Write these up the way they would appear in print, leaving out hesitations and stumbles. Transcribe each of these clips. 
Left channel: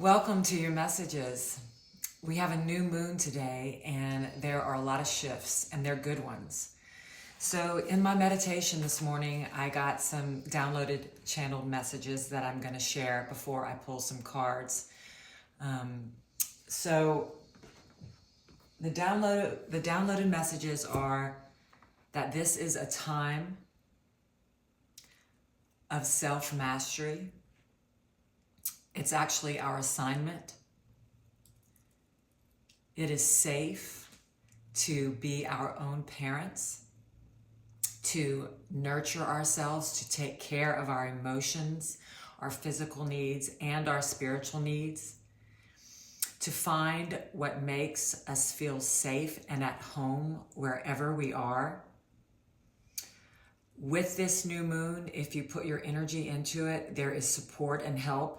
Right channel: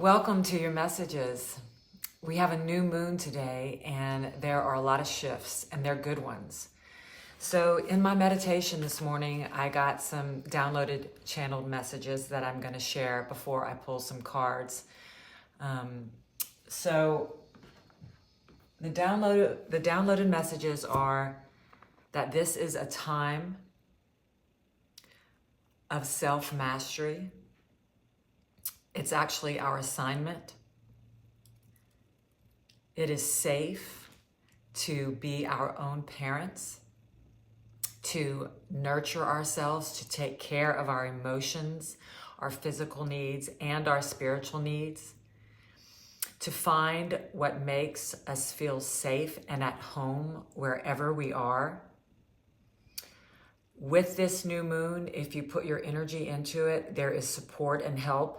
Welcome to your messages. We have a new moon today, and there are a lot of shifts, and they're good ones. So in my meditation this morning, I got some downloaded channeled messages that I'm going to share before I pull some cards. So the downloaded messages are that this is a time of self-mastery. It's actually our assignment. It is safe to be our own parents, to nurture ourselves, to take care of our emotions, our physical needs, and our spiritual needs, to find what makes us feel safe and at home wherever we are. With this new moon, if you put your energy into it, there is support and help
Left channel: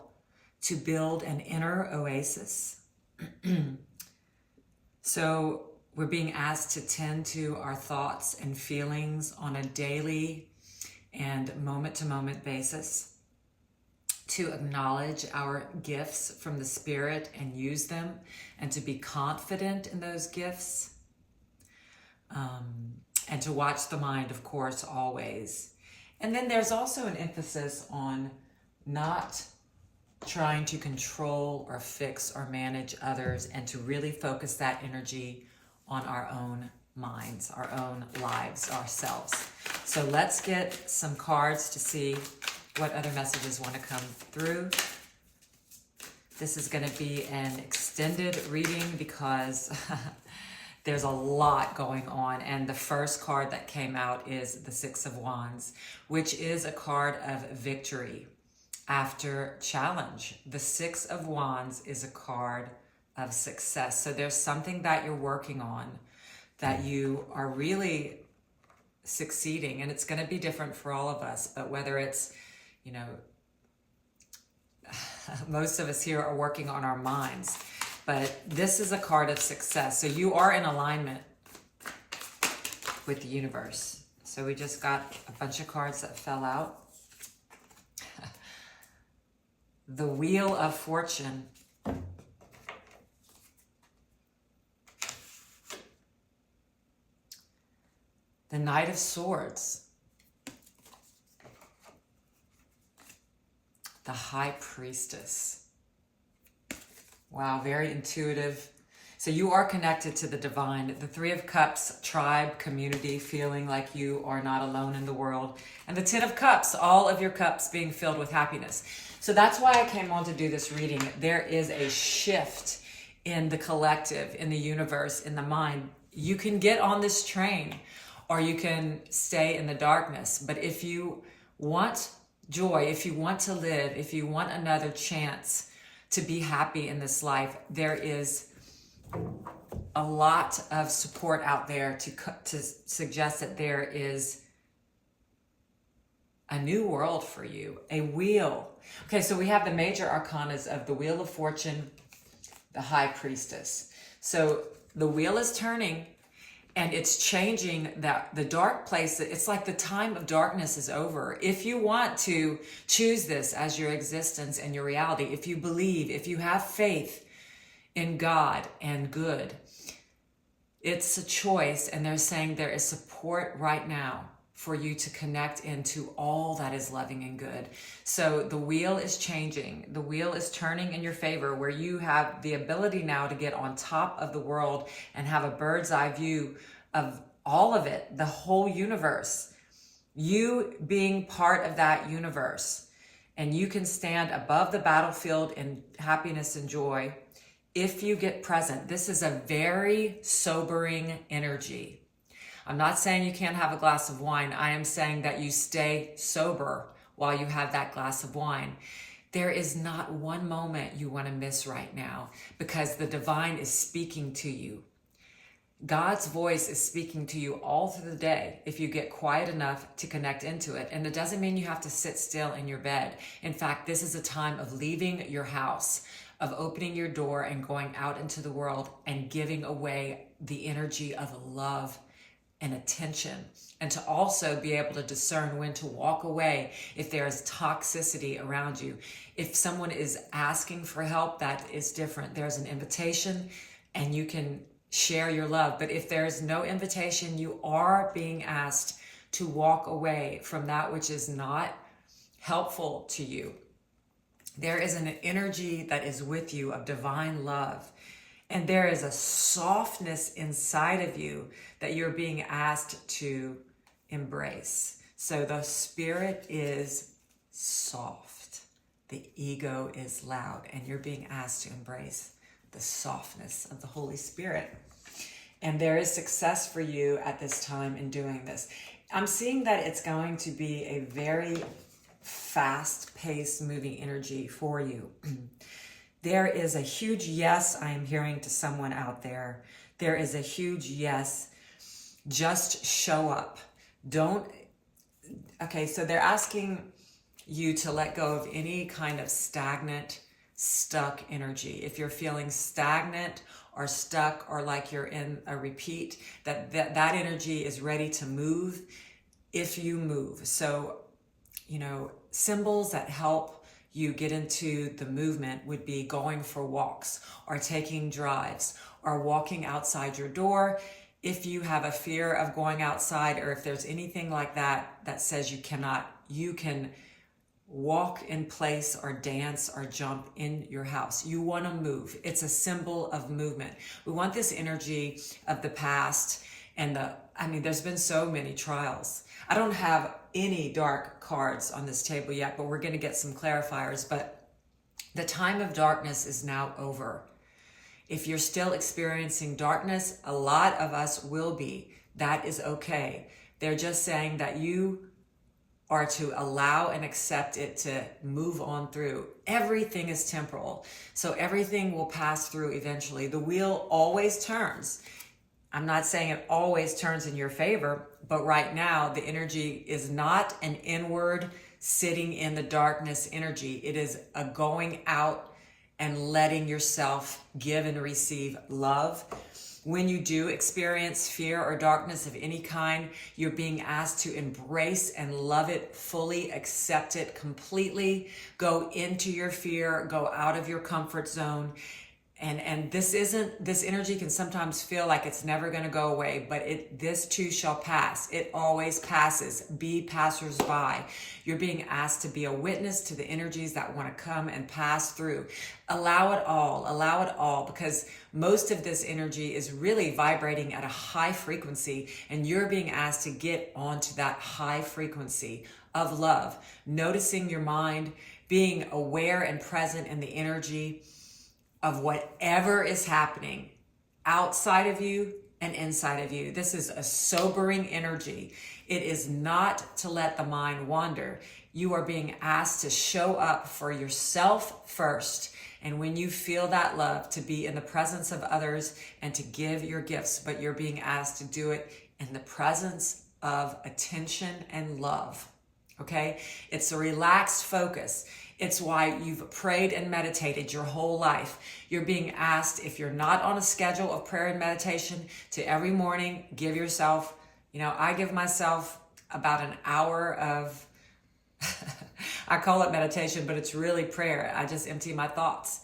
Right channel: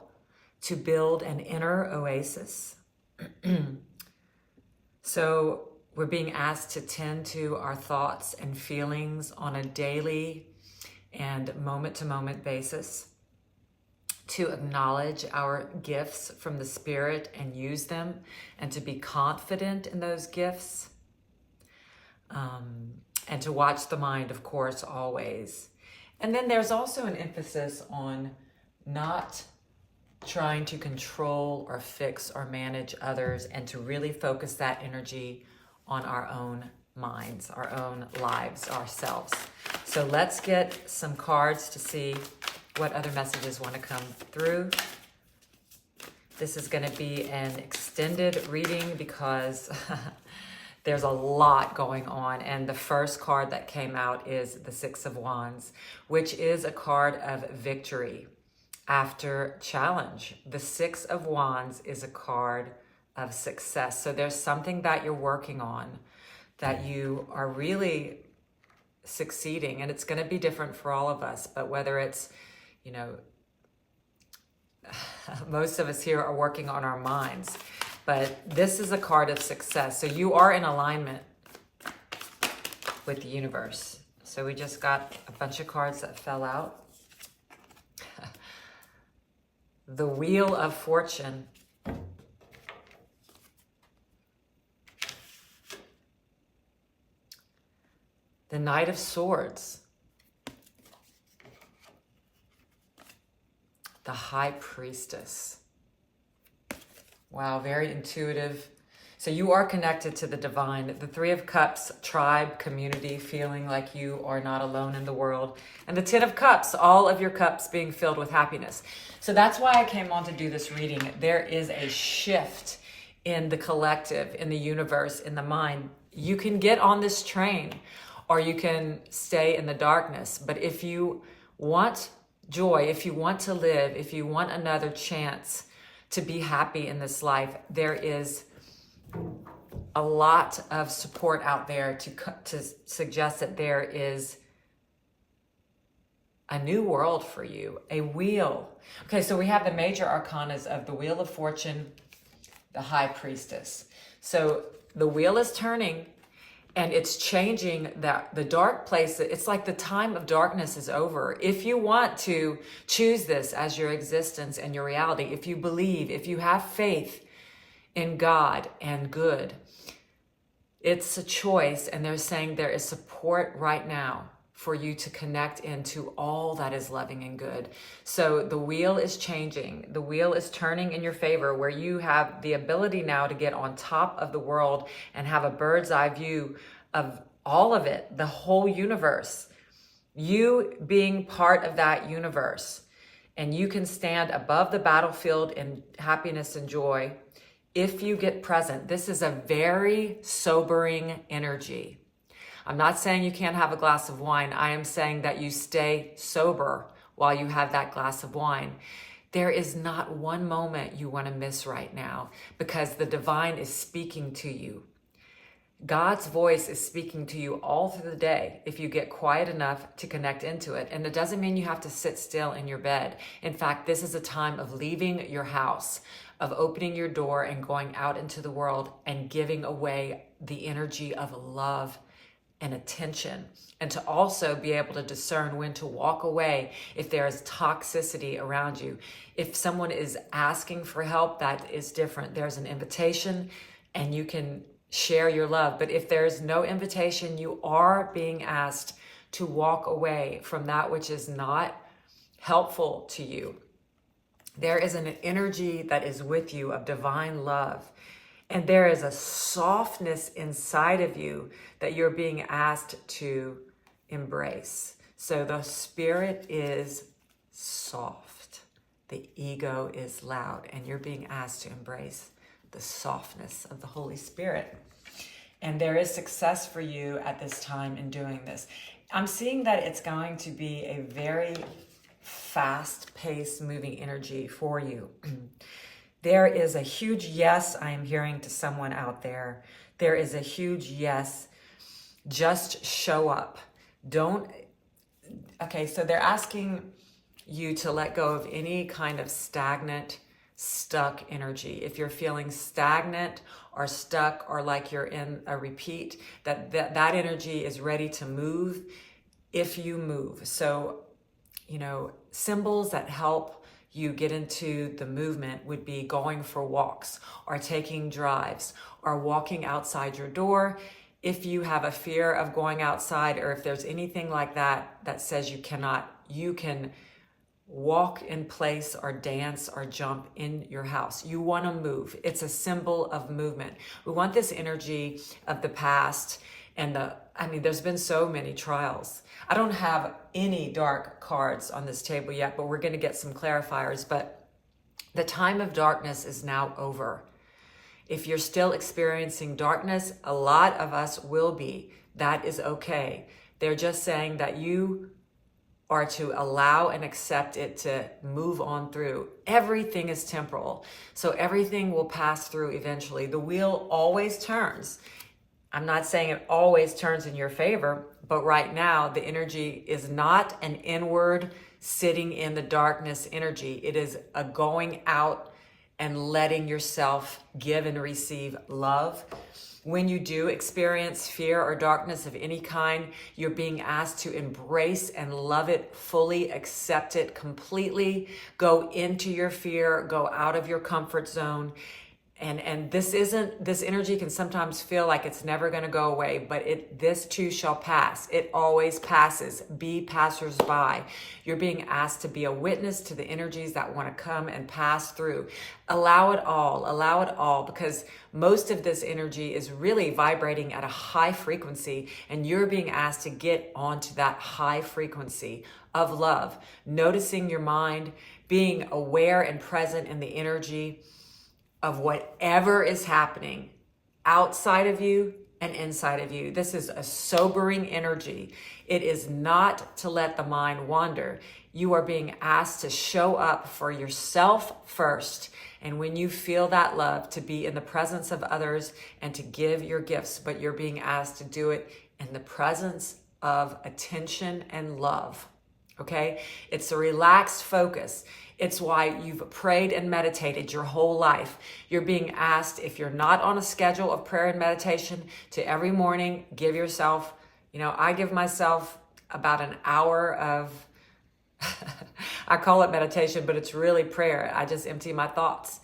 to build an inner oasis. So we're being asked to tend to our thoughts and feelings on a daily and moment-to-moment basis, to acknowledge our gifts from the Spirit and use them, and to be confident in those gifts, and to watch the mind, of course, always. And then there's also an emphasis on not trying to control or fix or manage others, and to really focus that energy on our own minds, our own lives, ourselves. So let's get some cards to see what other messages want to come through. This is going to be an extended reading because there's a lot going on. And the first card that came out is the Six of Wands, which is a card of victory after challenge. The Six of Wands is a card of success. So there's something that you're working on that you are really succeeding, and it's going to be different for all of us. But whether it's, most of us here are working on our minds, but this is a card of success. So you are in alignment with the universe. So we just got a bunch of cards that fell out. The Wheel of Fortune. The Knight of Swords. The High Priestess. Wow, very intuitive. So you are connected to the divine. The Three of Cups, tribe, community, feeling like you are not alone in the world. And the Ten of Cups, all of your cups being filled with happiness. So that's why I came on to do this reading. There is a shift in the collective, in the universe, in the mind. You can get on this train, or you can stay in the darkness. But if you want joy, if you want to live, if you want another chance to be happy in this life, there is a lot of support out there to suggest that there is a new world for you, a wheel. Okay, so we have the major arcanas of the Wheel of Fortune, the High Priestess. So the wheel is turning, and it's changing the dark place. It's like the time of darkness is over. If you want to choose this as your existence and your reality, if you believe, if you have faith in God and good, it's a choice. And they're saying there is support right now for you to connect into all that is loving and good. So the wheel is changing. The wheel is turning in your favor, where you have the ability now to get on top of the world and have a bird's eye view of all of it, the whole universe. You being part of that universe. And you can stand above the battlefield in happiness and joy if you get present. This is a very sobering energy. I'm not saying you can't have a glass of wine. I am saying that you stay sober while you have that glass of wine. There is not one moment you want to miss right now, because the divine is speaking to you. God's voice is speaking to you all through the day if you get quiet enough to connect into it. And it doesn't mean you have to sit still in your bed. In fact, this is a time of leaving your house, of opening your door and going out into the world and giving away the energy of love and attention, and to also be able to discern when to walk away if there is toxicity around you. If someone is asking for help, that is different. There's an invitation and you can share your love. But if there's no invitation, you are being asked to walk away from that which is not helpful to you. There is an energy that is with you of divine love. And there is a softness inside of you that you're being asked to embrace. So the spirit is soft. The ego is loud. And you're being asked to embrace the softness of the Holy Spirit. And there is success for you at this time in doing this. I'm seeing that it's going to be a very fast-paced moving energy for you. There is a huge yes I am hearing to someone out there. There is a huge yes. Just show up. Okay, so they're asking you to let go of any kind of stagnant, stuck energy. If you're feeling stagnant or stuck or like you're in a repeat, that energy is ready to move if you move. So, symbols that help you get into the movement would be going for walks or taking drives or walking outside your door. If you have a fear of going outside, or if there's anything like that that says you cannot, you can walk in place or dance or jump in your house. You want to move. It's a symbol of movement. We want this energy of the past and there's been so many trials. I don't have any dark cards on this table yet, but we're going to get some clarifiers. But the time of darkness is now over. If you're still experiencing darkness, a lot of us will be. That is okay. They're just saying that you are to allow and accept it to move on through. Everything is temporal, so everything will pass through eventually. The wheel always turns. I'm not saying it always turns in your favor, but right now the energy is not an inward sitting in the darkness energy. It is a going out and letting yourself give and receive love. When you do experience fear or darkness of any kind, you're being asked to embrace and love it fully, accept it completely, go into your fear, go out of your comfort zone. And this energy can sometimes feel like it's never going to go away, but this too shall pass. It always passes. Be passersby. You're being asked to be a witness to the energies that want to come and pass through. Allow it all, because most of this energy is really vibrating at a high frequency, and you're being asked to get onto that high frequency of love, noticing your mind, being aware and present in the energy of whatever is happening outside of you and inside of you. This is a sobering energy. It is not to let the mind wander. You are being asked to show up for yourself first. And when you feel that love, to be in the presence of others and to give your gifts, but you're being asked to do it in the presence of attention and love. Okay? It's a relaxed focus. It's why you've prayed and meditated your whole life. You're being asked, if you're not on a schedule of prayer and meditation, to every morning give yourself, I give myself about an hour of, I call it meditation, but it's really prayer. I just empty my thoughts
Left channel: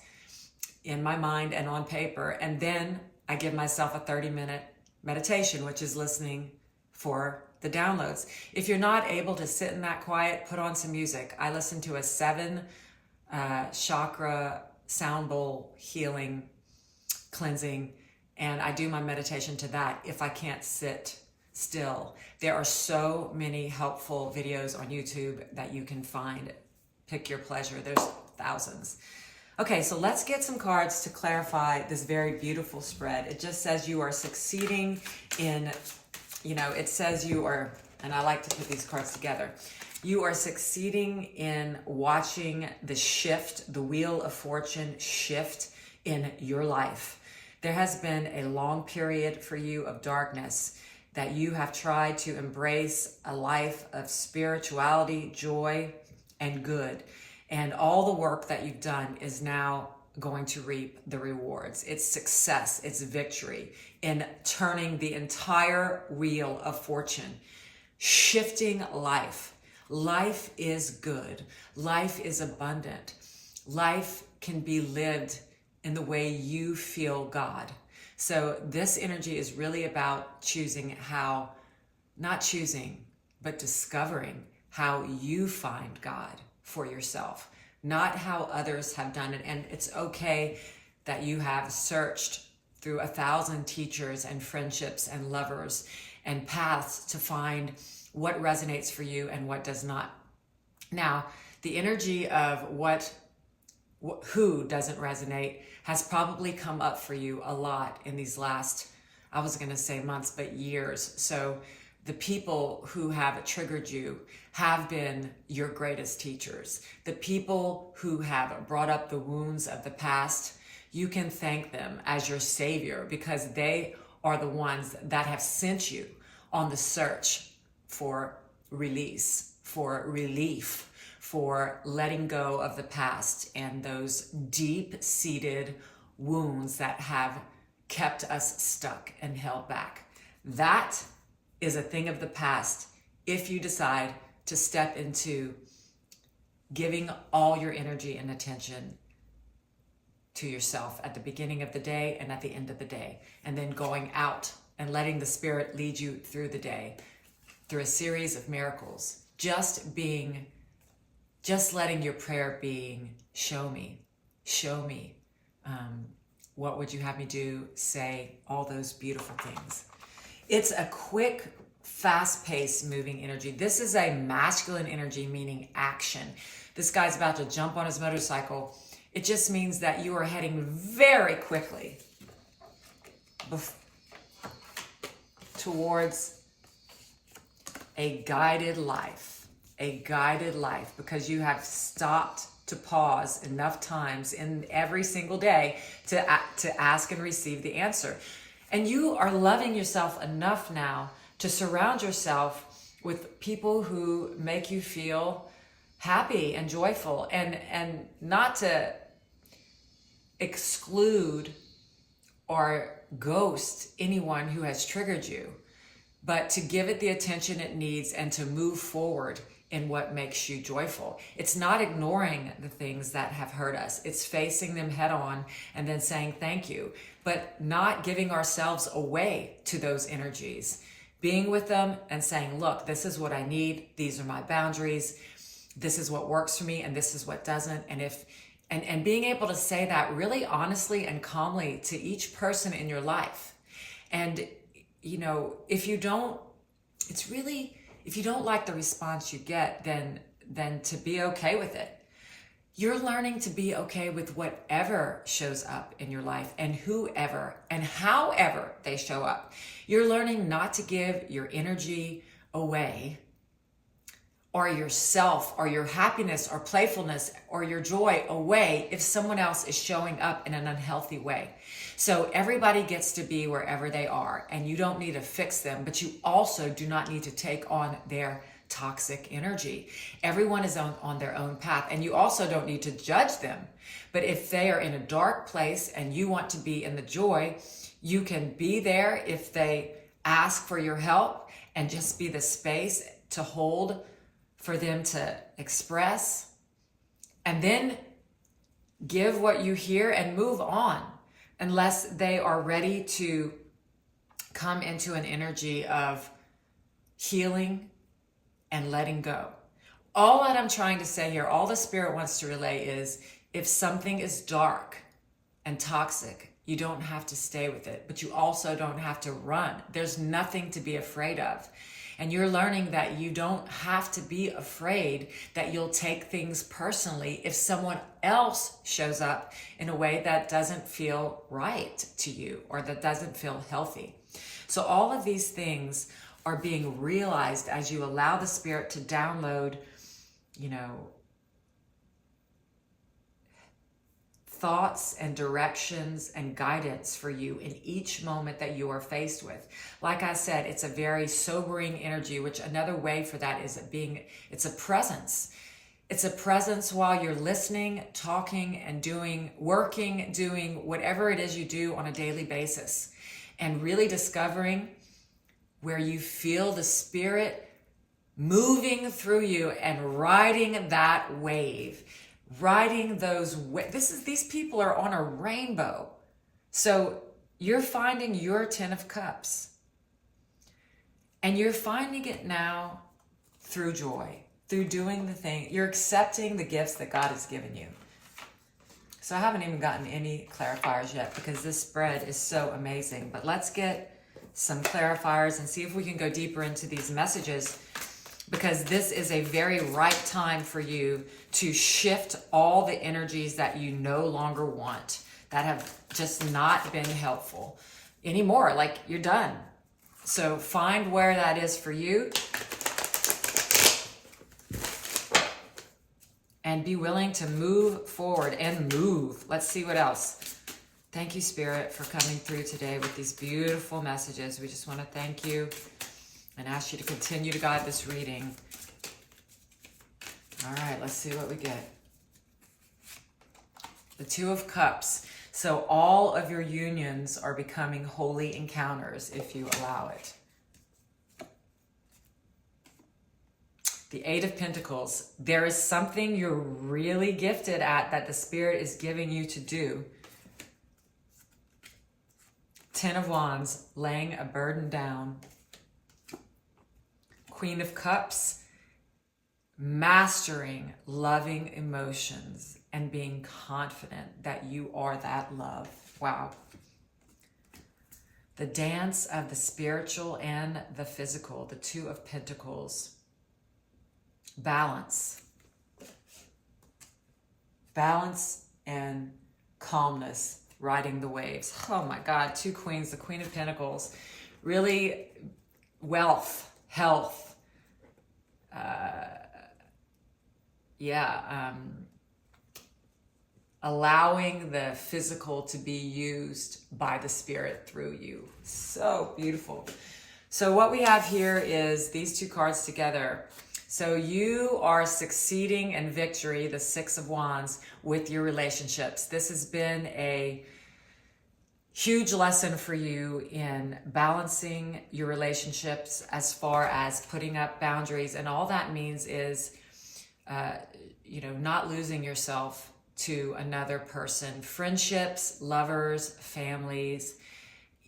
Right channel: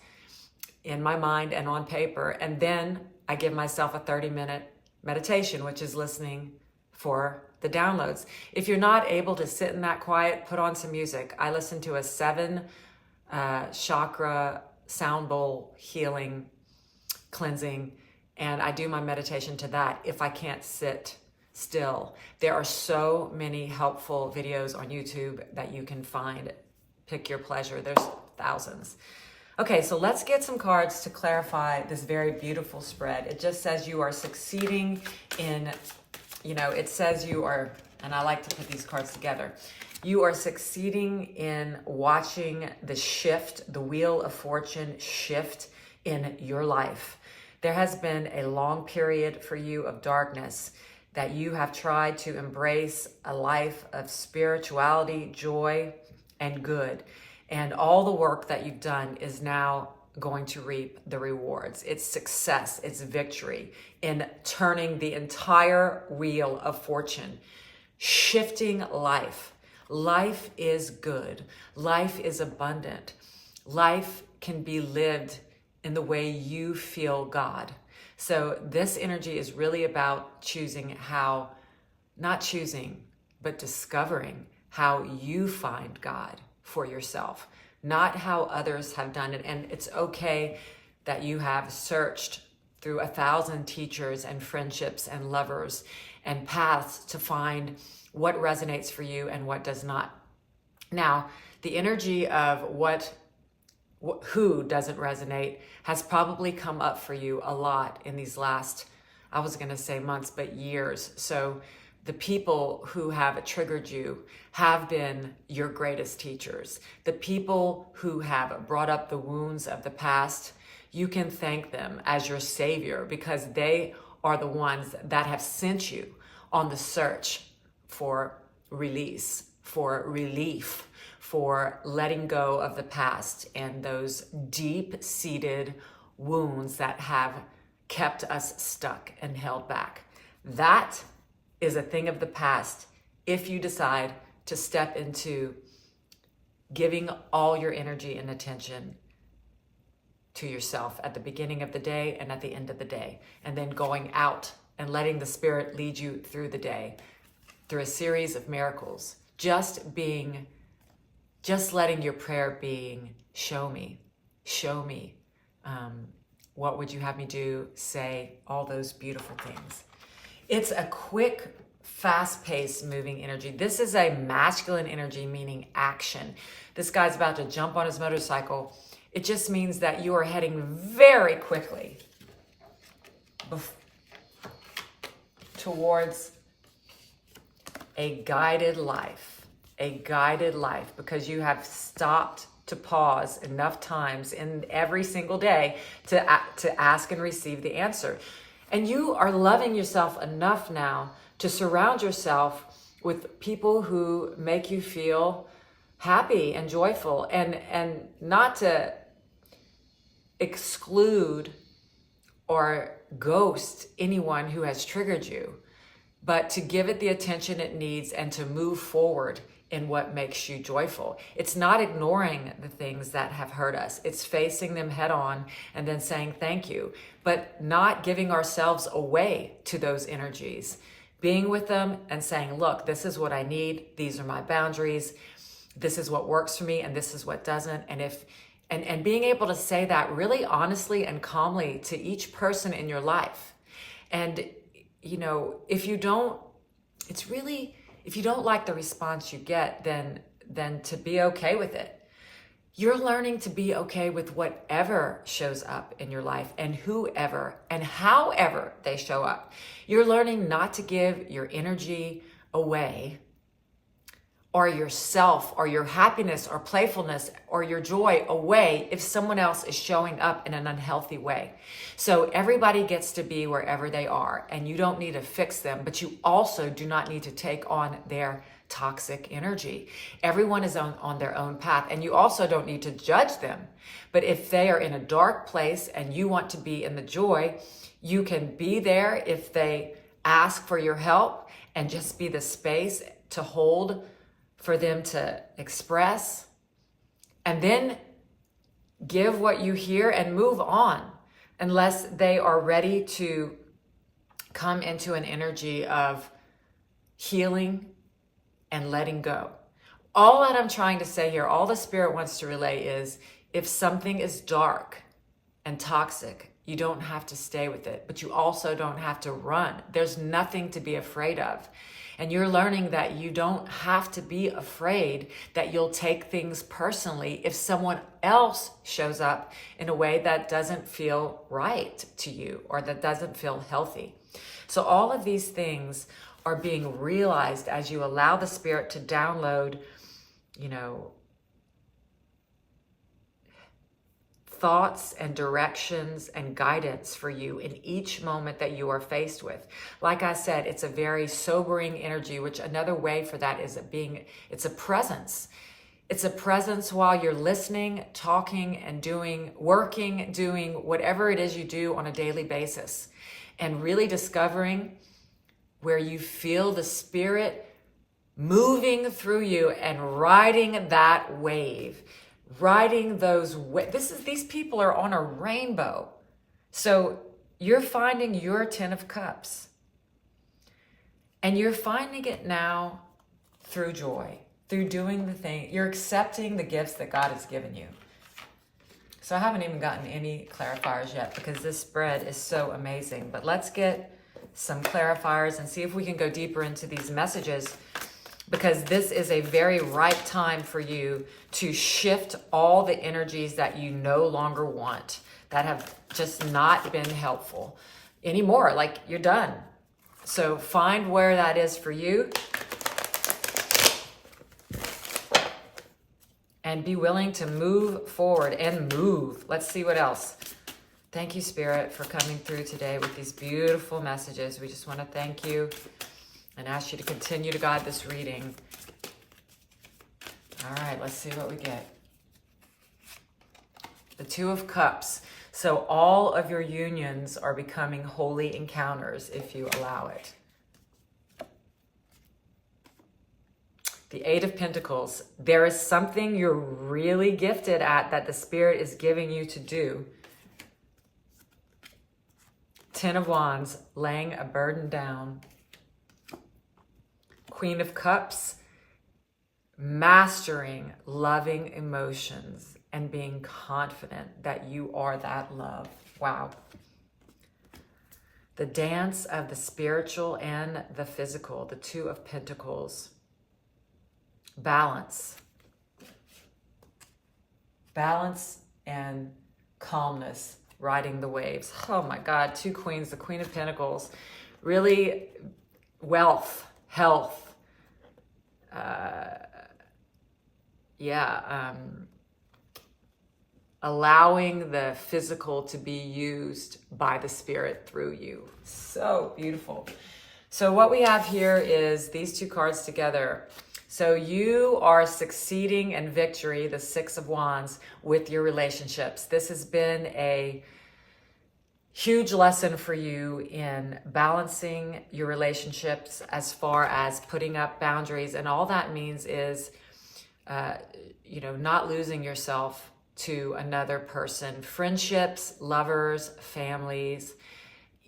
in my mind and on paper. And then I give myself a 30-minute meditation, which is listening for the downloads. If you're not able to sit in that quiet, put on some music. I listen to a 7 chakra sound bowl healing, cleansing, and I do my meditation to that if I can't sit still. There are so many helpful videos on YouTube that you can find. Pick your pleasure. There's thousands. Okay, so let's get some cards to clarify this very beautiful spread. It just says you are succeeding in, it says you are, and I like to put these cards together. You are succeeding in watching the shift, the wheel of fortune shift in your life. There has been a long period for you of darkness that you have tried to embrace a life of spirituality, joy, and good. And all the work that you've done is now going to reap the rewards. It's success, it's victory in turning the entire wheel of fortune, shifting life. Life is good. Life is abundant. life can be lived in the way you feel God. So this energy is really about choosing how, not choosing, but discovering how you find God for yourself, not how others have done it. And it's okay that you have searched through 1,000 teachers and friendships and lovers and paths to find what resonates for you and what does not. Now, the energy of who doesn't resonate has probably come up for you a lot in these last, I was going to say months, but years. So the people who have triggered you have been your greatest teachers. The people who have brought up the wounds of the past, you can thank them as your savior, because they are the ones that have sent you on the search for release, for relief, for letting go of the past and those deep-seated wounds that have kept us stuck and held back. That is a thing of the past if you decide to step into giving all your energy and attention to yourself at the beginning of the day and at the end of the day, and then going out and letting the Spirit lead you through the day, through a series of miracles. Just letting your prayer being, show me. What would you have me do, say, all those beautiful things. It's a quick, fast-paced moving energy. This is a masculine energy, meaning action. This guy's about to jump on his motorcycle. It just means that you are heading very quickly towards a guided life, because you have stopped to pause enough times in every single day to ask and receive the answer. And you are loving yourself enough now to surround yourself with people who make you feel happy and joyful, and not to exclude or ghost anyone who has triggered you, but to give it the attention it needs and to move forward in what makes you joyful. It's not ignoring the things that have hurt us. It's facing them head on and then saying thank you, but not giving ourselves away to those energies. Being with them and saying, look, this is what I need. These are my boundaries. This is what works for me, and this is what doesn't. And being able to say that really honestly and calmly to each person in your life. And, you know, if you don't like the response you get, then to be okay with it. You're learning to be okay with whatever shows up in your life and whoever and however they show up. You're learning not to give your energy away, or yourself, or your happiness, or playfulness, or your joy away if someone else is showing up in an unhealthy way. So everybody gets to be wherever they are, and you don't need to fix them, but you also do not need to take on their toxic energy. Everyone is on their own path, and you also don't need to judge them. But if they are in a dark place and you want to be in the joy, you can be there if they ask for your help, and just be the space to hold for them to express, and then give what you hear and move on, unless they are ready to come into an energy of healing and letting go. All that I'm trying to say here, all the Spirit wants to relay is, if something is dark and toxic, you don't have to stay with it, but you also don't have to run. There's nothing to be afraid of. And you're learning that you don't have to be afraid that you'll take things personally if someone else shows up in a way that doesn't feel right to you, or that doesn't feel healthy. So all of these things are being realized as you allow the Spirit to download, thoughts and directions and guidance for you in each moment that you are faced with. Like I said, it's a very sobering energy, which another way for that is it's a presence. It's a presence while you're listening, talking, and doing whatever it is you do on a daily basis, and really discovering where you feel the Spirit moving through you and riding that wave. riding those these people are on a rainbow. So you're finding your 10 of Cups. And you're finding it now through joy, through doing the thing. You're accepting the gifts that God has given you. So I haven't even gotten any clarifiers yet because this spread is so amazing. But let's get some clarifiers and see if we can go deeper into these messages, because this is a very right time for you to shift all the energies that you no longer want, that have just not been helpful anymore. Like, you're done. So find where that is for you and be willing to move forward and move. Let's see what else. Thank you, Spirit, for coming through today with these beautiful messages. We just want to thank you and ask you to continue to guide this reading. All right, let's see what we get. The 2 of Cups. So all of your unions are becoming holy encounters if you allow it. The 8 of Pentacles. There is something you're really gifted at that the Spirit is giving you to do. 10 of Wands, laying a burden down. Queen of Cups, mastering loving emotions and being confident that you are that love. Wow. The dance of the spiritual and the physical, the 2 of Pentacles. Balance. Balance and calmness, riding the waves. Oh my God, 2 queens, the Queen of Pentacles. Really, wealth, health. Allowing the physical to be used by the Spirit through you. So beautiful. So what we have here is these 2 cards together. So you are succeeding in victory, the 6 of Wands, with your relationships. This has been a huge lesson for you in balancing your relationships as far as putting up boundaries. And all that means is, not losing yourself to another person. Friendships, lovers, families,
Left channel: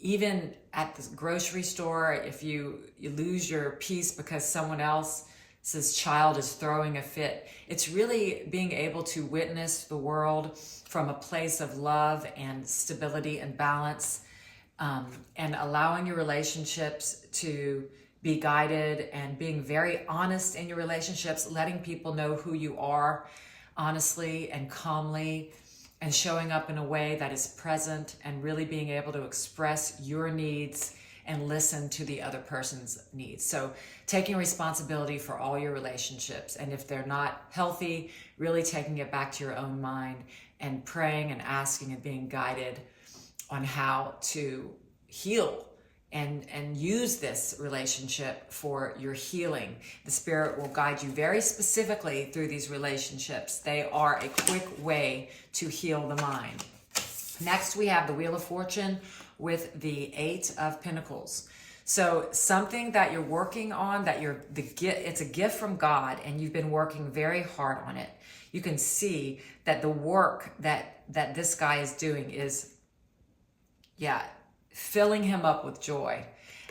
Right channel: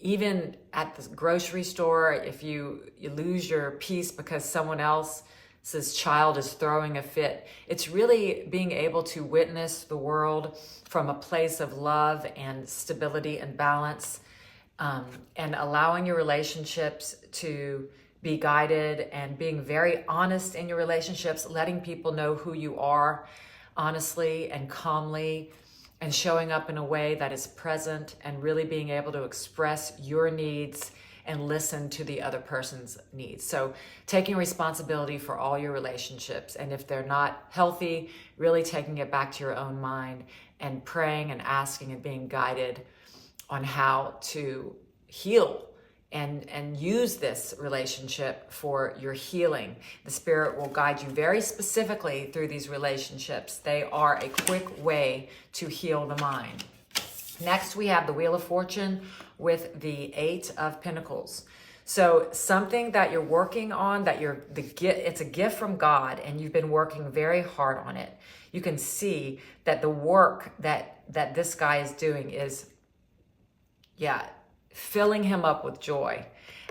even at the grocery store, if you lose your peace because someone else's child is throwing a fit. It's really being able to witness the world from a place of love and stability and balance, and allowing your relationships to be guided and being very honest in your relationships, letting people know who you are honestly and calmly, and showing up in a way that is present and really being able to express your needs and listen to the other person's needs. So taking responsibility for all your relationships, and if they're not healthy, really taking it back to your own mind and praying and asking and being guided on how to heal and use this relationship for your healing. The Spirit will guide you very specifically through these relationships. They are a quick way to heal the mind. Next, we have the Wheel of Fortune with the 8 of Pentacles. So something that you're working on, it's a gift from God, and you've been working very hard on it. You can see that the work that this guy is doing is, filling him up with joy.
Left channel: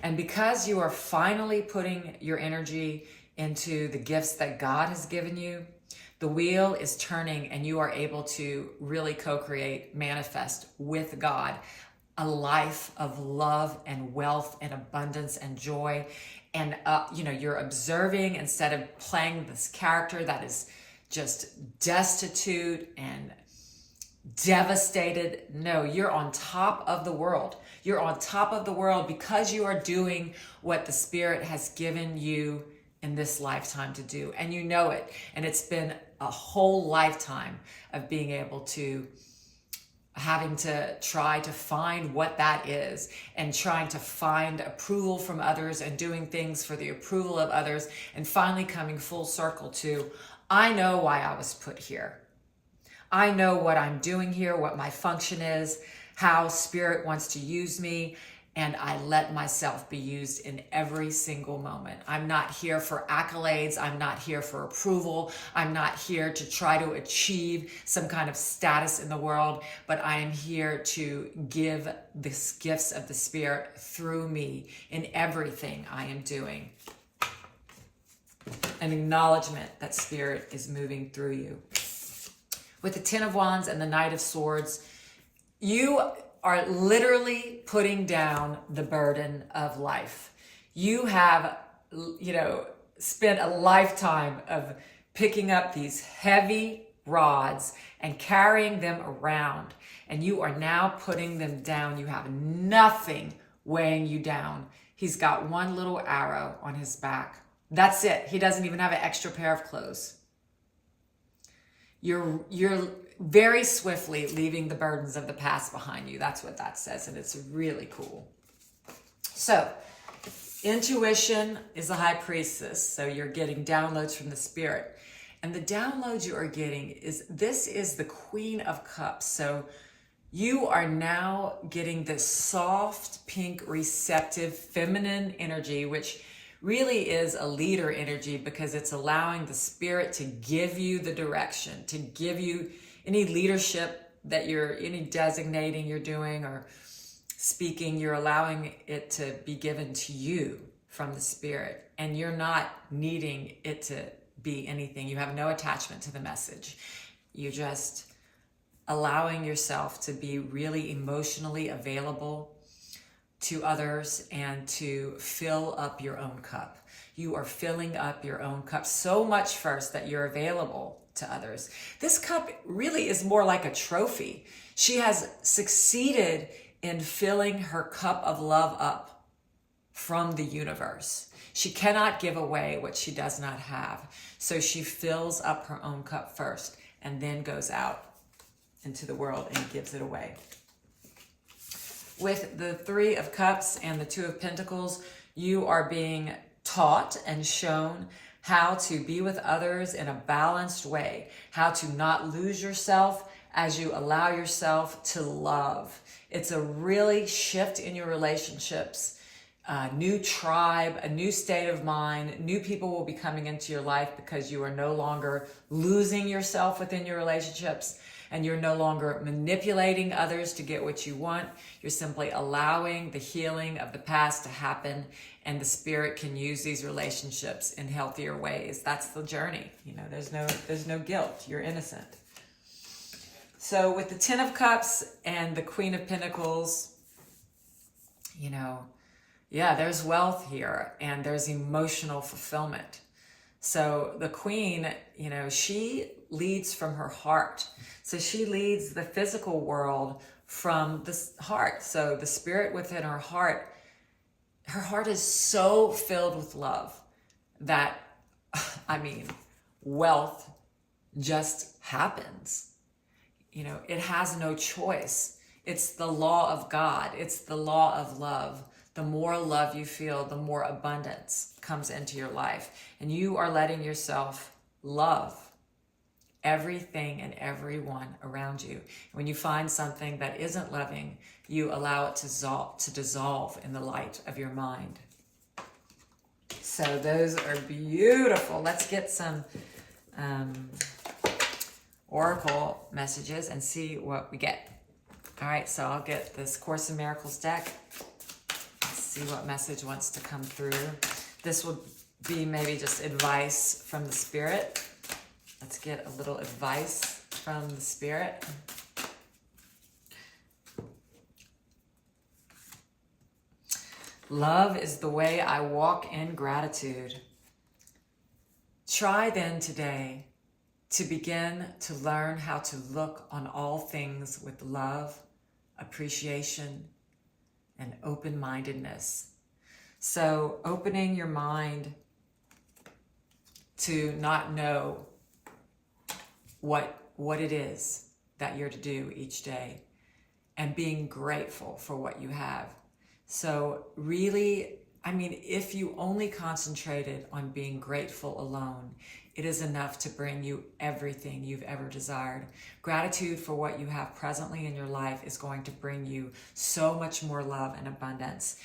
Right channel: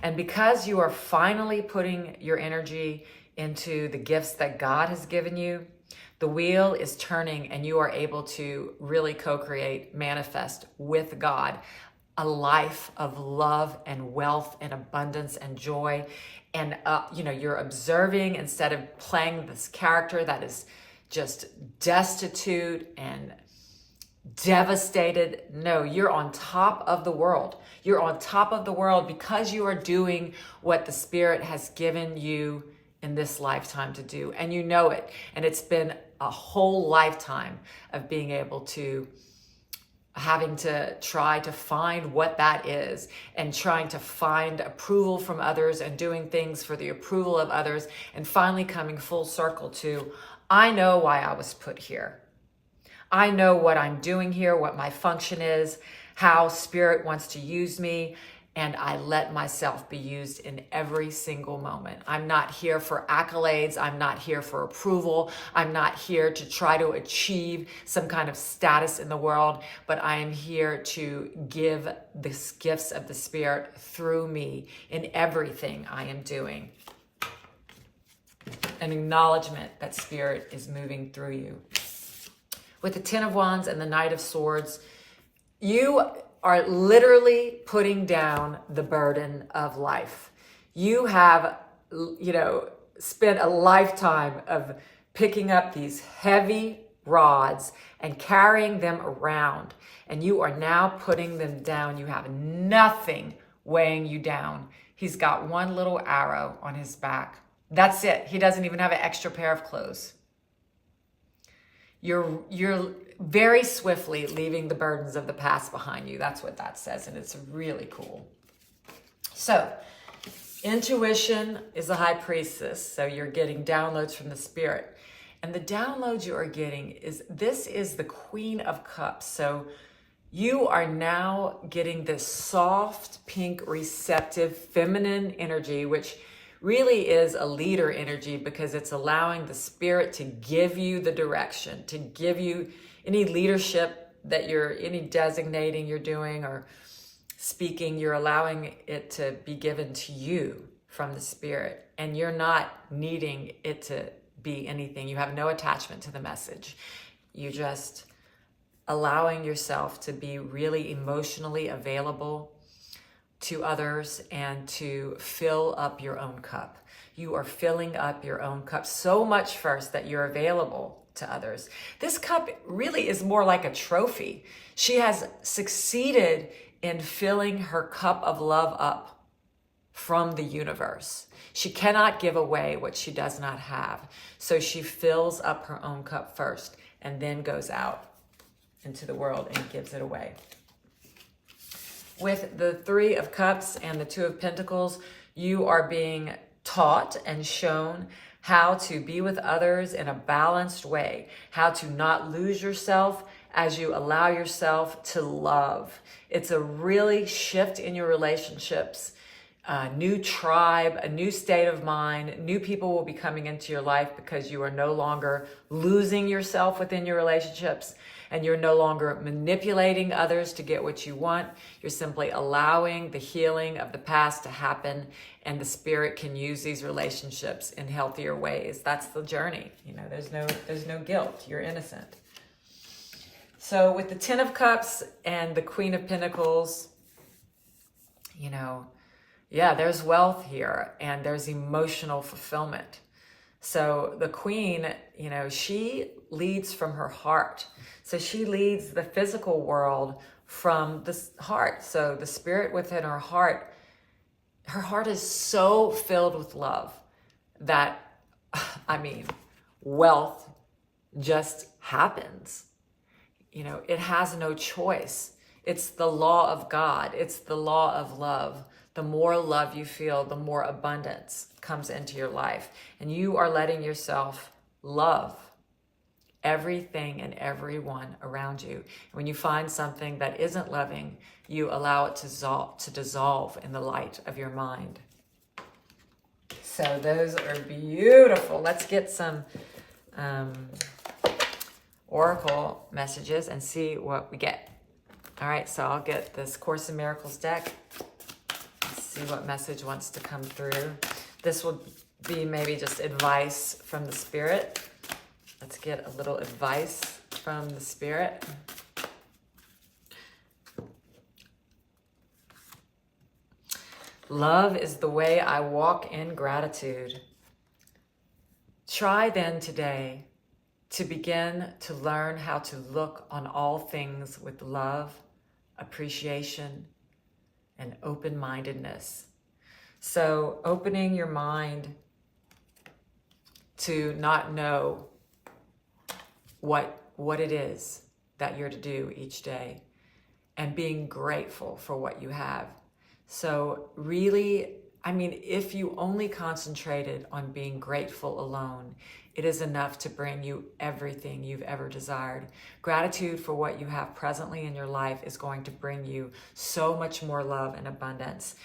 And because you are finally putting your energy into the gifts that God has given you, the wheel is turning and you are able to really co-create, manifest with God a life of love and wealth and abundance and joy. And, you're observing instead of playing this character that is just destitute and devastated. No, you're on top of the world. You're on top of the world because you are doing what the Spirit has given you in this lifetime to do. And you know it. And it's been a whole lifetime of being able to, having to try to find what that is, and trying to find approval from others and doing things for the approval of others, and finally coming full circle to, I know why I was put here. I know what I'm doing here, what my function is, how Spirit wants to use me, and I let myself be used in every single moment. I'm not here for accolades. I'm not here for approval. I'm not here to try to achieve some kind of status in the world, but I am here to give the gifts of the Spirit through me in everything I am doing. An acknowledgement that Spirit is moving through you. With the Ten of Wands and the Knight of Swords, you are literally putting down the burden of life. You have, spent a lifetime of picking up these heavy rods and carrying them around, and you are now putting them down. You have nothing weighing you down. He's got one little arrow on his back. That's it. He doesn't even have an extra pair of clothes. You're very swiftly leaving the burdens of the past behind you. That's what that says, and it's really cool. So, intuition is a high priestess, so you're getting downloads from the Spirit. And the downloads you are getting this is the Queen of Cups. So, you are now getting this soft, pink, receptive, feminine energy, which really is a leader energy, because it's allowing the Spirit to give you the direction, to give you any leadership that any designating you're doing or speaking, you're allowing it to be given to you from the Spirit. And you're not needing it to be anything. You have no attachment to the message. You're just allowing yourself to be really emotionally available to others and to fill up your own cup. You are filling up your own cup so much first that you're available to others. This cup really is more like a trophy. She has succeeded in filling her cup of love up from the universe. She cannot give away what she does not have. So she fills up her own cup first and then goes out into the world and gives it away. With the Three of Cups and the Two of Pentacles, you are being taught and shown how to be with others in a balanced way, how to not lose yourself as you allow yourself to love. It's a really shift in your relationships, a new tribe, a new state of mind. New people will be coming into your life because you are no longer losing yourself within your relationships. And you're no longer manipulating others to get what you want. You're simply allowing the healing of the past to happen, and the Spirit can use these relationships in healthier ways. That's the journey. There's no guilt. You're innocent. So with the Ten of Cups and the Queen of Pentacles, there's wealth here and there's emotional fulfillment. So the Queen, she leads from her heart. So she leads the physical world from the heart. So the Spirit within her heart is so filled with love that, wealth just happens. It has no choice. It's the law of God. It's the law of love. The more love you feel, the more abundance comes into your life. And you are letting yourself love everything and everyone around you. When you find something that isn't loving, you allow it to dissolve in the light of your mind. So those are beautiful. Let's get some oracle messages and see what we get. All right, so I'll get this Course in Miracles deck. Let's see what message wants to come through. This will be maybe just advice from the Spirit. Let's get a little advice from the Spirit. Love is the way I walk in gratitude. Try then today to begin to learn how to look on all things with love, appreciation, and open-mindedness. So opening your mind to not know what it is that you're to do each day, and being grateful for what you have. So really, if you only concentrated on being grateful alone, it is enough to bring you everything you've ever desired. Gratitude for what you have presently in your life is going to bring you so much more love and abundance.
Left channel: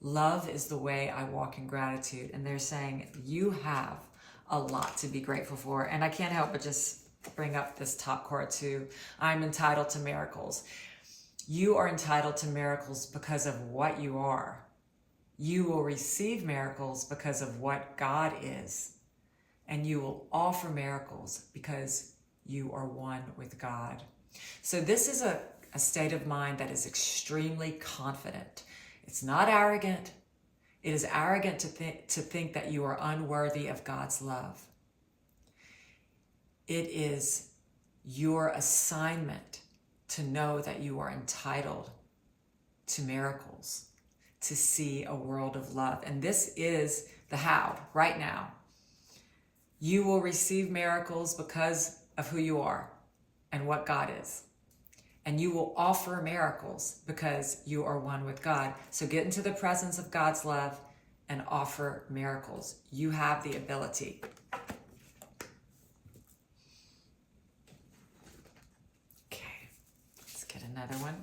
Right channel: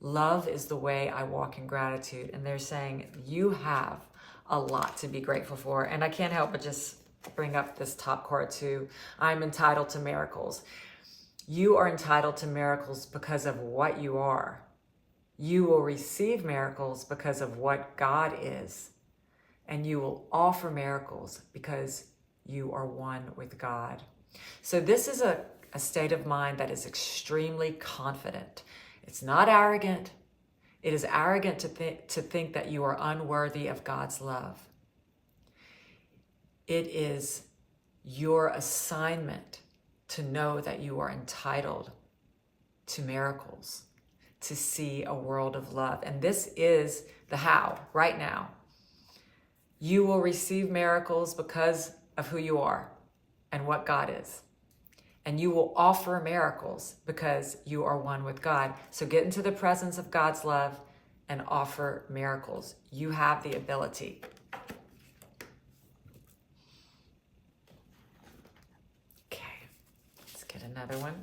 Love is the way I walk in gratitude. And they're saying you have a lot to be grateful for. And I can't help but just bring up this top card too. I'm entitled to miracles. You are entitled to miracles because of what you are. You will receive miracles because of what God is. And you will offer miracles because you are one with God. So this is a state of mind that is extremely confident. It's not arrogant. It is arrogant to think that you are unworthy of God's love. It is your assignment to know that you are entitled to miracles, to see a world of love. And this is the how right now. You will receive miracles because of who you are and what God is. And you will offer miracles because you are one with God. So get into the presence of God's love and offer miracles. You have the ability. Okay, let's get another one.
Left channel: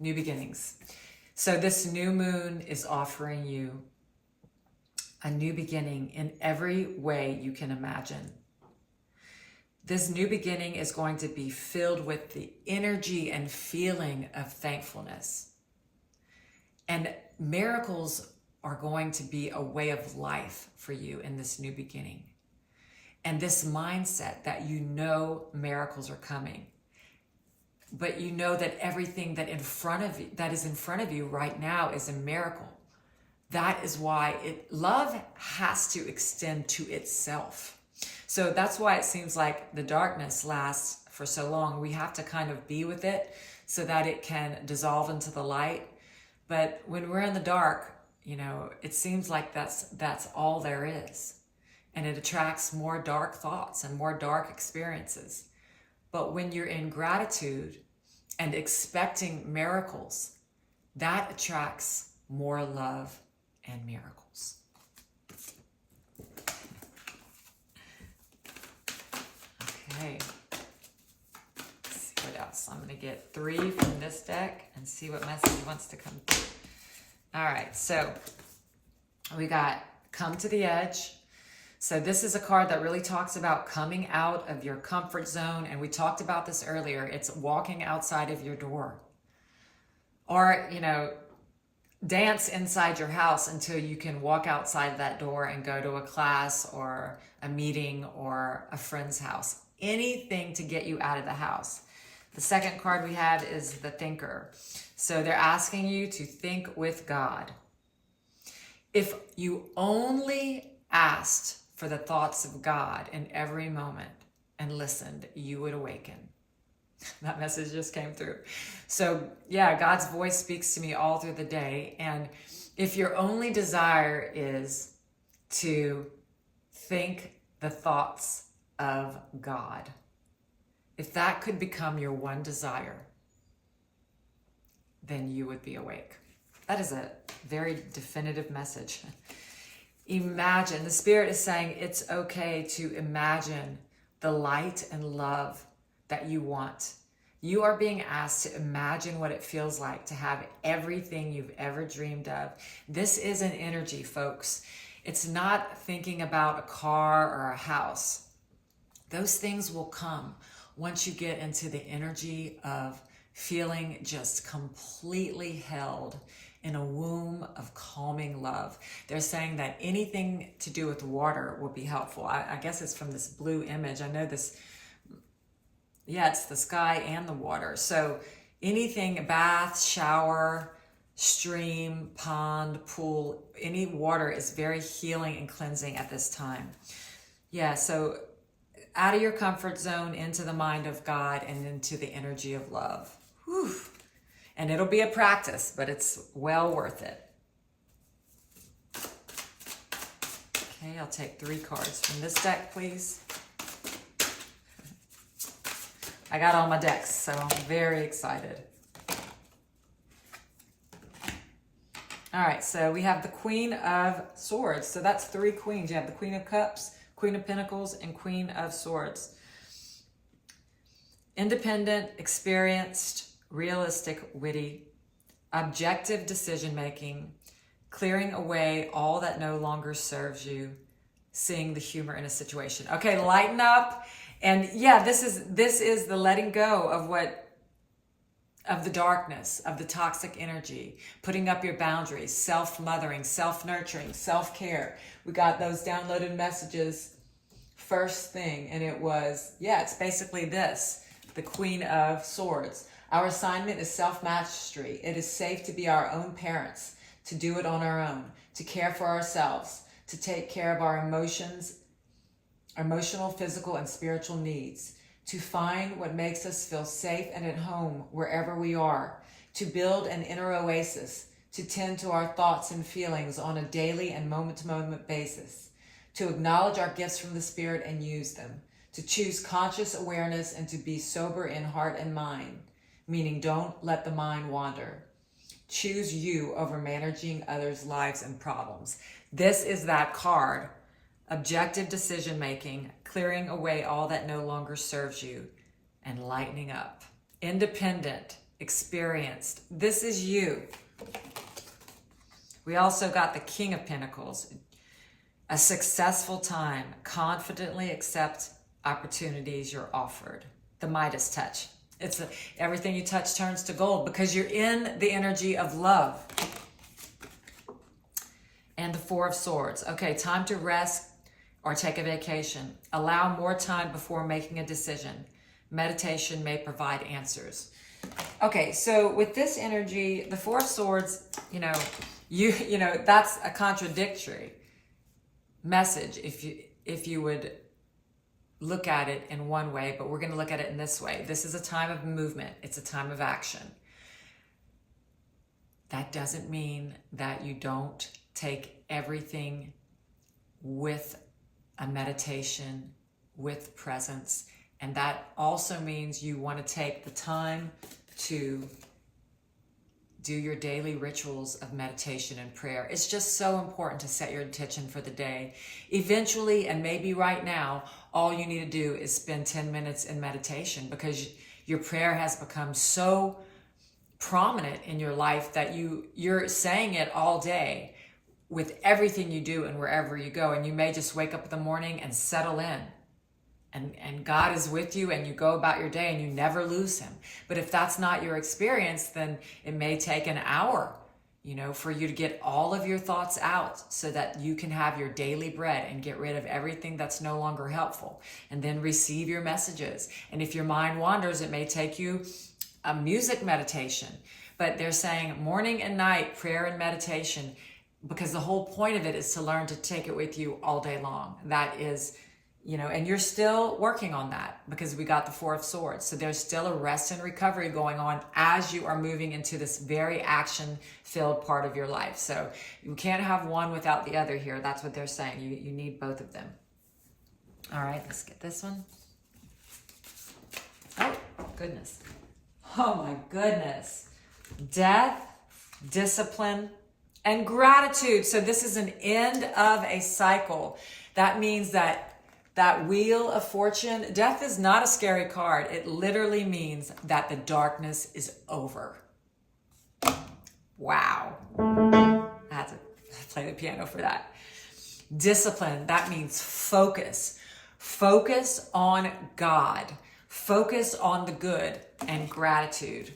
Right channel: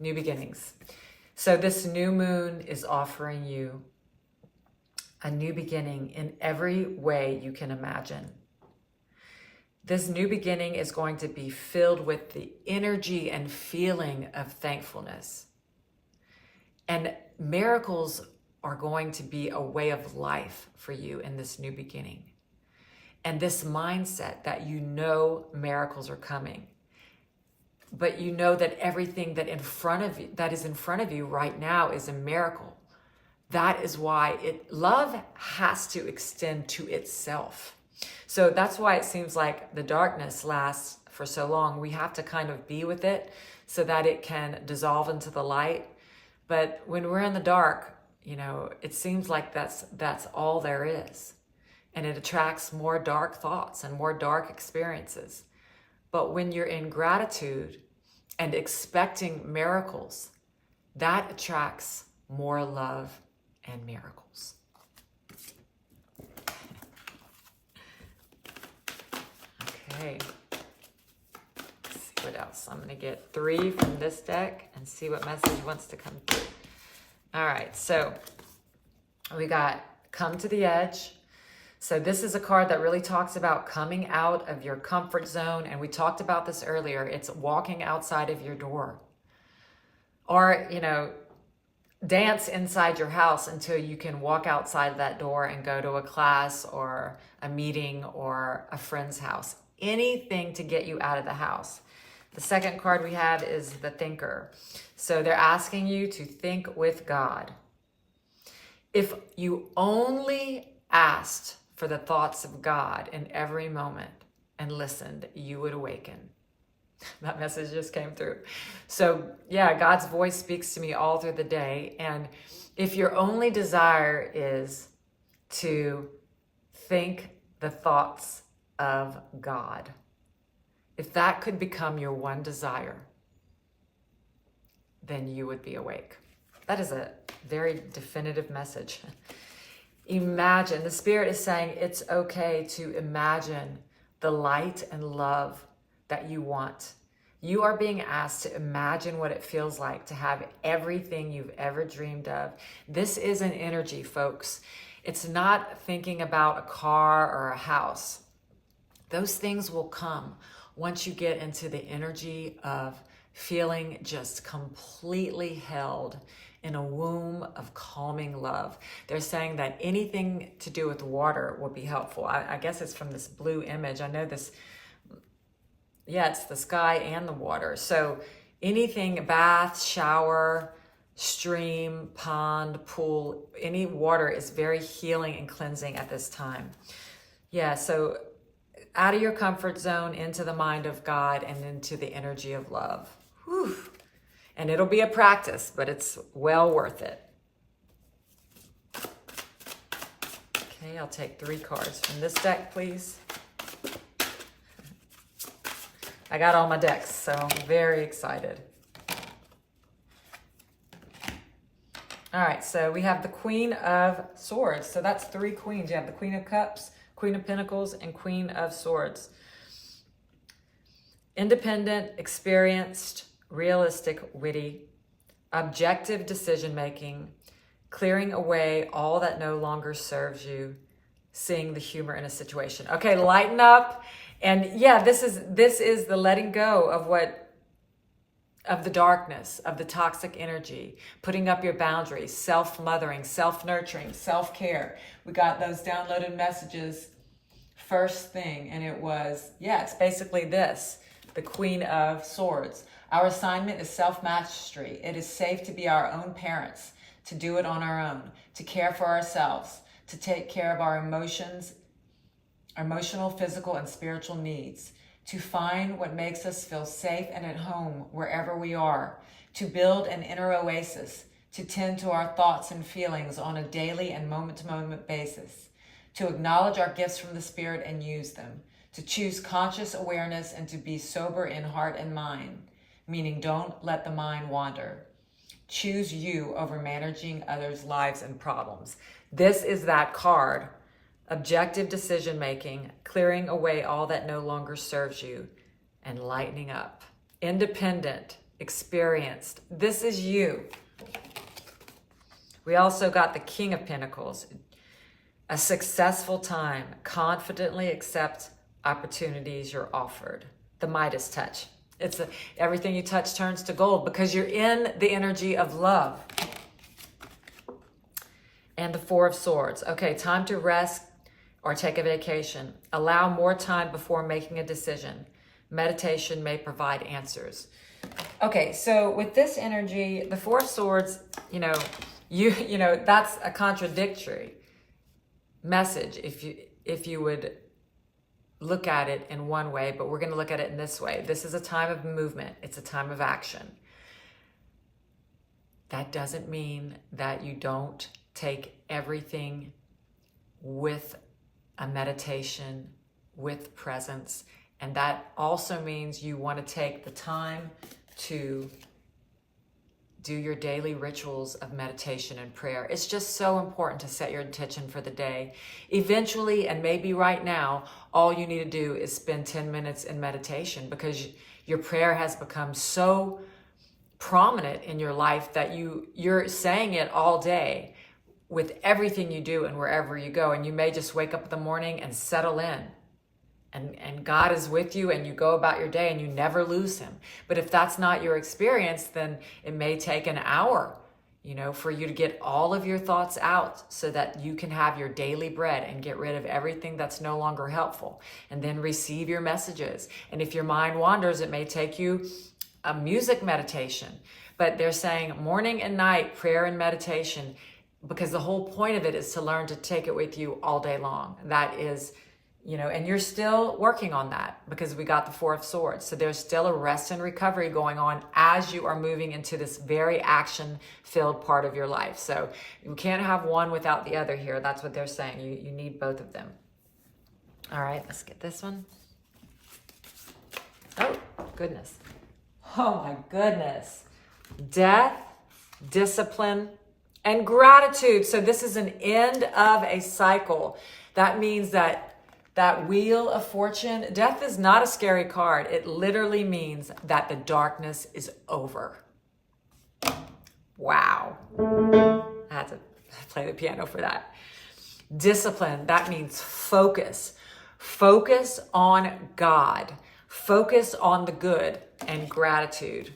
New beginnings. So this new moon is offering you a new beginning in every way you can imagine. This new beginning is going to be filled with the energy and feeling of thankfulness. And miracles are going to be a way of life for you in this new beginning. And this mindset that you know miracles are coming. But you know that everything that is in front of you right now is a miracle. That is why love has to extend to itself. So that's why it seems like the darkness lasts for so long. We have to kind of be with it so that it can dissolve into the light. But when we're in the dark, it seems like that's all there is. And it attracts more dark thoughts and more dark experiences. But when you're in gratitude and expecting miracles, that attracts more love and miracles. Okay. Let's see what else. I'm going to get 3 from this deck and see what message wants to come through. All right, so we got Come to the Edge. So this is a card that really talks about coming out of your comfort zone. And we talked about this earlier. It's walking outside of your door. Or, dance inside your house until you can walk outside that door and go to a class or a meeting or a friend's house. Anything to get you out of the house. The second card we have is the Thinker. So they're asking you to think with God. If you only asked for the thoughts of God in every moment and listened, you would awaken. That message just came through. So yeah, God's voice speaks to me all through the day. And if your only desire is to think the thoughts of God, if that could become your one desire, then you would be awake. That is a very definitive message. Imagine, the Spirit is saying it's okay to imagine the light and love that you want. You are being asked to imagine what it feels like to have everything you've ever dreamed of. This is an energy, folks. It's not thinking about a car or a house. Those things will come once you get into the energy of feeling just completely held in a womb of calming love. They're saying that anything to do with water will be helpful. I guess it's from this blue image. I know this, yeah, it's the sky and the water. So anything, bath, shower, stream, pond, pool, any water is very healing and cleansing at this time. Yeah, so out of your comfort zone, into the mind of God, and into the energy of love. Whew. And it'll be a practice, but it's well worth it. Okay, I'll take 3 cards from this deck, please. I got all my decks, so I'm very excited. All right, so we have the Queen of Swords. So that's 3 queens. You have the Queen of Cups, Queen of Pentacles, and Queen of Swords. Independent, experienced, realistic, witty, objective decision-making, clearing away all that no longer serves you, seeing the humor in a situation. Okay, lighten up. And yeah, this is the letting go of the darkness, of the toxic energy, putting up your boundaries, self-mothering, self-nurturing, self-care. We got those downloaded messages first thing, and it was, yeah, it's basically this, the Queen of Swords. Our assignment is self-mastery. It is safe to be our own parents, to do it on our own, to care for ourselves, to take care of our emotions, emotional, physical, and spiritual needs, to find what makes us feel safe and at home wherever we are, to build an inner oasis, to tend to our thoughts and feelings on a daily and moment-to-moment basis, to acknowledge our gifts from the Spirit and use them, to choose conscious awareness and to be sober in heart and mind, meaning don't let the mind wander. Choose you over managing others' lives and problems. This is that card. Objective decision-making, clearing away all that no longer serves you, and lightening up. Independent, experienced. This is you. We also got the King of Pentacles. A successful time. Confidently accept opportunities you're offered. The Midas touch. Everything you touch turns to gold because you're in the energy of love. And the Four of Swords. Okay, time to rest or take a vacation. Allow more time before making a decision. Meditation may provide answers. Okay, so with this energy, the Four of Swords, you know, that's a contradictory message if you would look at it in one way, but we're going to look at it in this way. This is a time of movement. It's a time of action. That doesn't mean that you don't take everything with a meditation, with presence. And that also means you want to take the time to do your daily rituals of meditation and prayer. It's just so important to set your intention for the day. Eventually, and maybe right now, all you need to do is spend 10 minutes in meditation because your prayer has become so prominent in your life that you're saying it all day with everything you do and wherever you go. And you may just wake up in the morning and settle in. And God is with you and you go about your day and you never lose him. But if that's not your experience, then it may take an hour, for you to get all of your thoughts out so that you can have your daily bread and get rid of everything that's no longer helpful and then receive your messages. And if your mind wanders, it may take you a music meditation. But they're saying morning and night, prayer and meditation, because the whole point of it is to learn to take it with you all day long. That is, and you're still working on that because we got the Four of Swords. So there's still a rest and recovery going on as you are moving into this very action-filled part of your life. So you can't have one without the other here. That's what they're saying. You need both of them. All right, let's get this one. Oh, goodness. Oh, my goodness. Death, discipline, and gratitude. So this is an end of a cycle. That means that Wheel of Fortune, death is not a scary card. It literally means that the darkness is over. Wow. I had to play the piano for that. Discipline, that means focus. Focus on God. Focus on the good, and gratitude.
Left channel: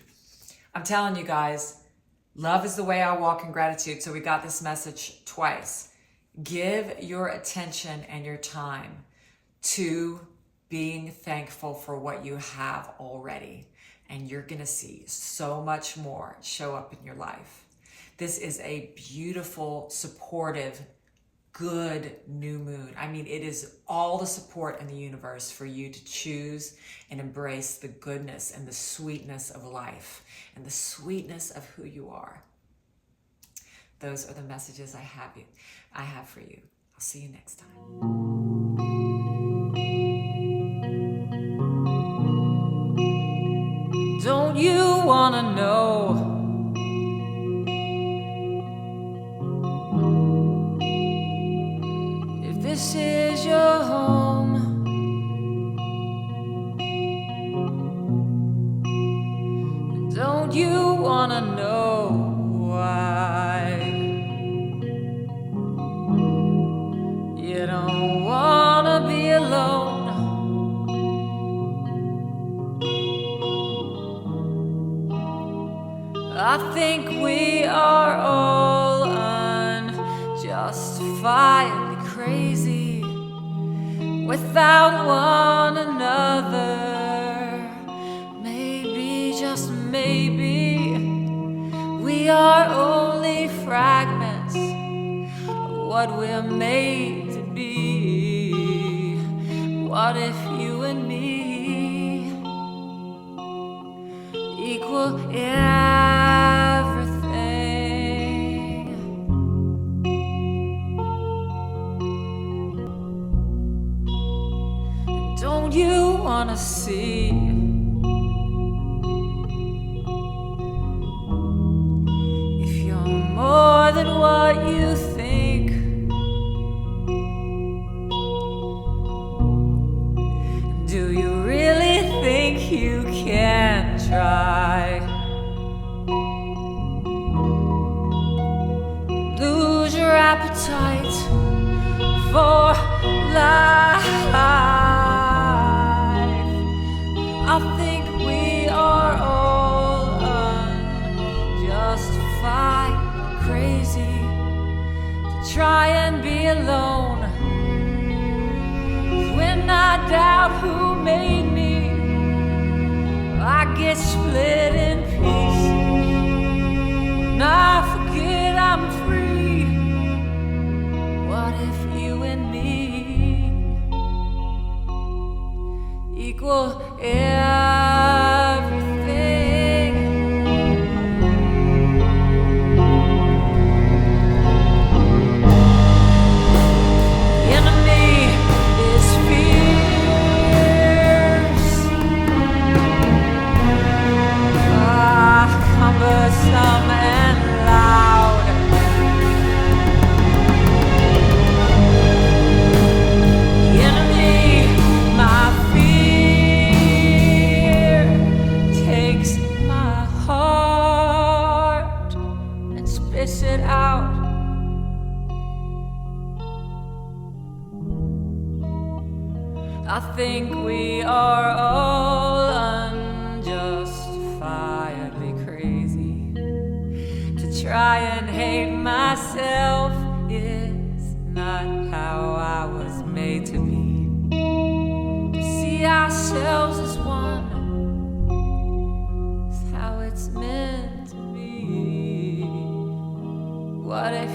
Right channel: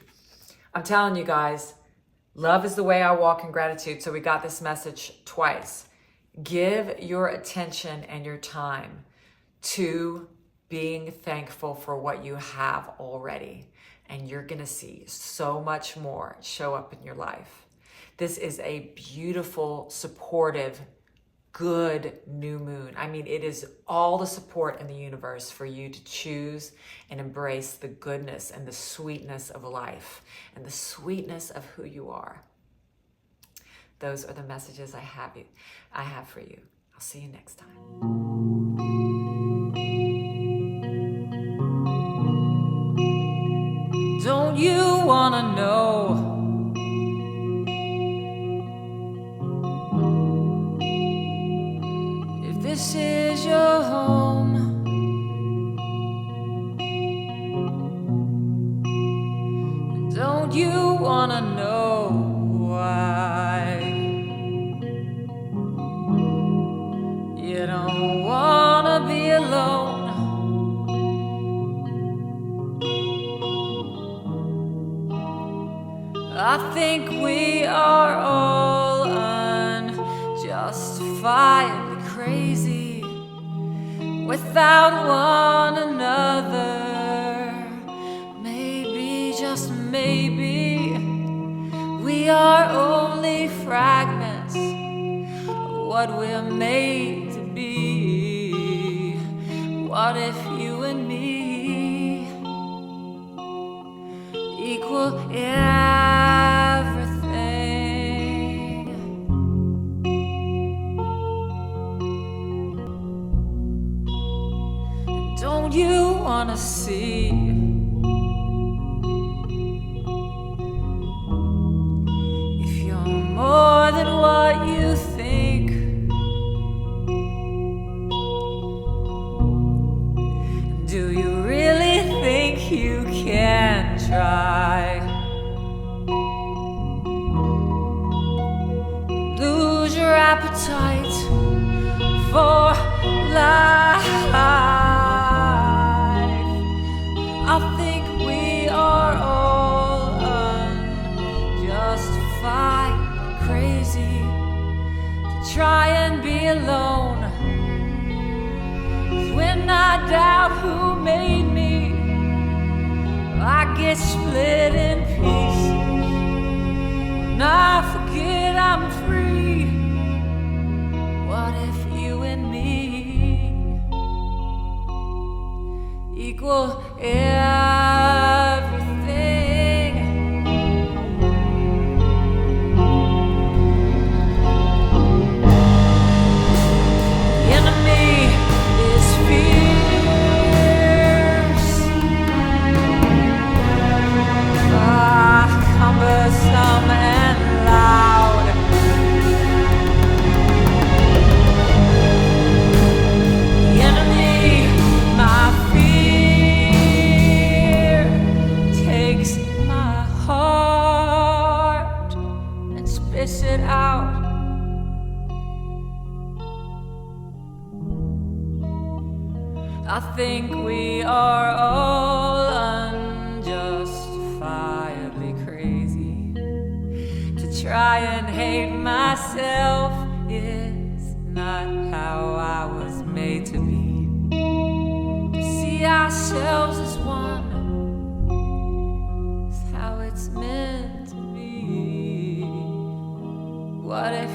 I'm telling you guys, love is the way I walk in gratitude. So we got this message twice. Give your attention and your time to being thankful for what you have already. And you're going to see so much more show up in your life. This is a beautiful, supportive, good new moon. I mean, it is all the support in the universe for you to choose and embrace the goodness and the sweetness of life and the sweetness of who you are. Those are the messages I have for you. I'll see you next time. Don't you wanna know this is your home. Don't you wanna know why? You don't wanna be alone. I think we are all unjustifiably crazy without one another. Maybe, just maybe, we are only fragments of what we're made to be. What if you and me equal everything? Don't you wanna see if you're more than what you think? Do you really think you can try? Lose your appetite for life. I think we are all unjustified crazy to try and be alone. When I doubt who made me, I get split in pieces. When I forget I'm free, what if you and me equal everything? The enemy is fierce, cumbersome and loud. The enemy, my fear, takes my heart and spits it out. I think we are all unjustifiably crazy to try and hate myself. Is not how I was made to be. To see ourselves as one is how it's meant to be. What if